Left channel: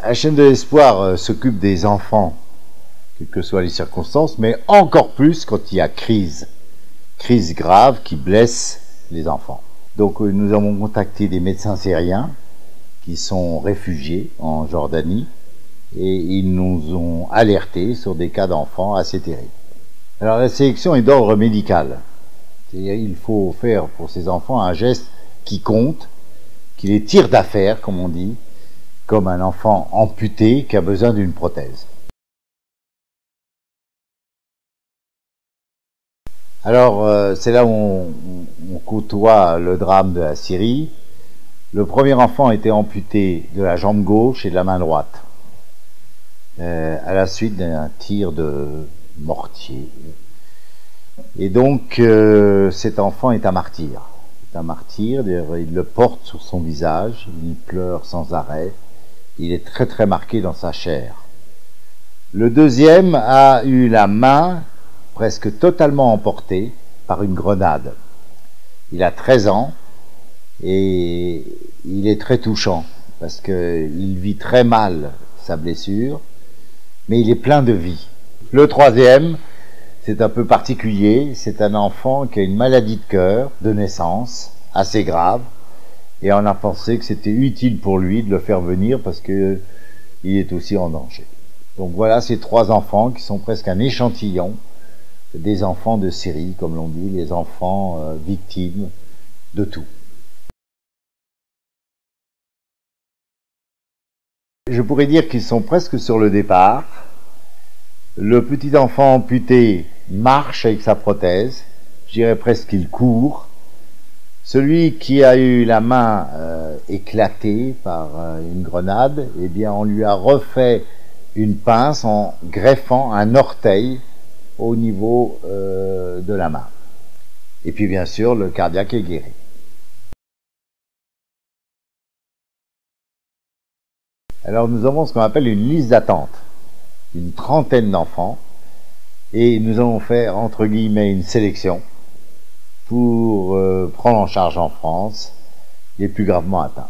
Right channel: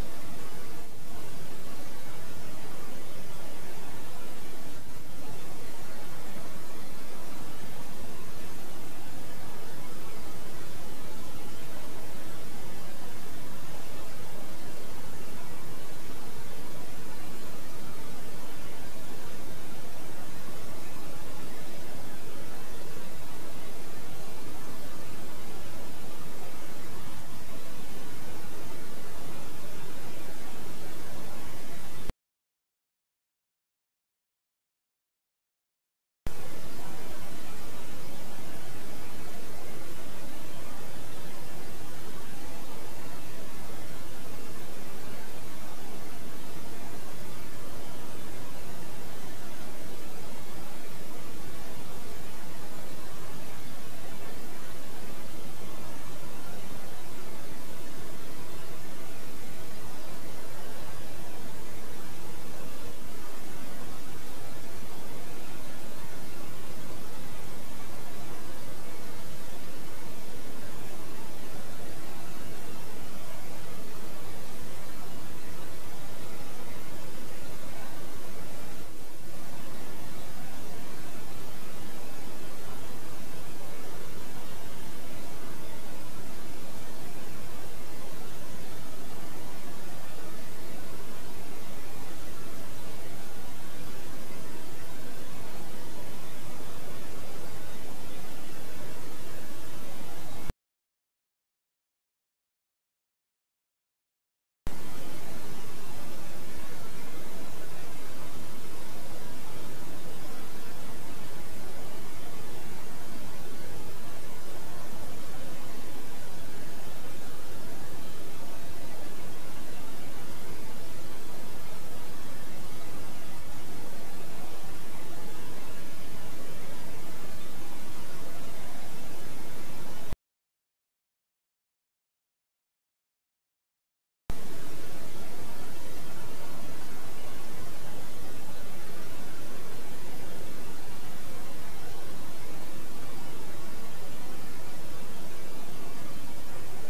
La chaîne de l'espoir s'occupe des enfants, quelles que soient les circonstances, mais encore plus quand il y a crise grave qui blesse les enfants. Donc nous avons contacté des médecins syriens qui sont réfugiés en Jordanie et ils nous ont alertés sur des cas d'enfants assez terribles. Alors la sélection est d'ordre médical. C'est-à-dire il faut faire pour ces enfants un geste qui compte, qui les tire d'affaire, comme on dit, comme un enfant amputé qui a besoin d'une prothèse. Alors c'est là où on côtoie le drame de la Syrie. Le premier enfant a été amputé de la jambe gauche et de la main droite, à la suite d'un tir de mortier. Et donc cet enfant est un martyr. C'est un martyr, il le porte sur son visage, il pleure sans arrêt, il est très très marqué dans sa chair. Le deuxième a eu la main presque totalement emportée par une grenade. Il a 13 ans et il est très touchant parce qu'il vit très mal sa blessure, mais il est plein de vie. Le troisième, c'est un peu particulier, c'est un enfant qui a une maladie de cœur de naissance, assez grave, et on a pensé que c'était utile pour lui de le faire venir parce qu'il est aussi en danger. Donc voilà ces trois enfants qui sont presque un échantillon des enfants de Syrie, comme l'on dit, les enfants victimes de tout. Je pourrais dire qu'ils sont presque sur le départ. Le petit enfant amputé marche avec sa prothèse, je dirais presque qu'il court. Celui qui a eu la main éclatée par une grenade, eh bien on lui a refait une pince en greffant un orteil au niveau de la main. Et puis bien sûr, le cardiaque est guéri. Alors nous avons ce qu'on appelle une liste d'attente, une trentaine d'enfants, et nous allons faire entre guillemets une sélection pour prendre en charge en France les plus gravement atteints.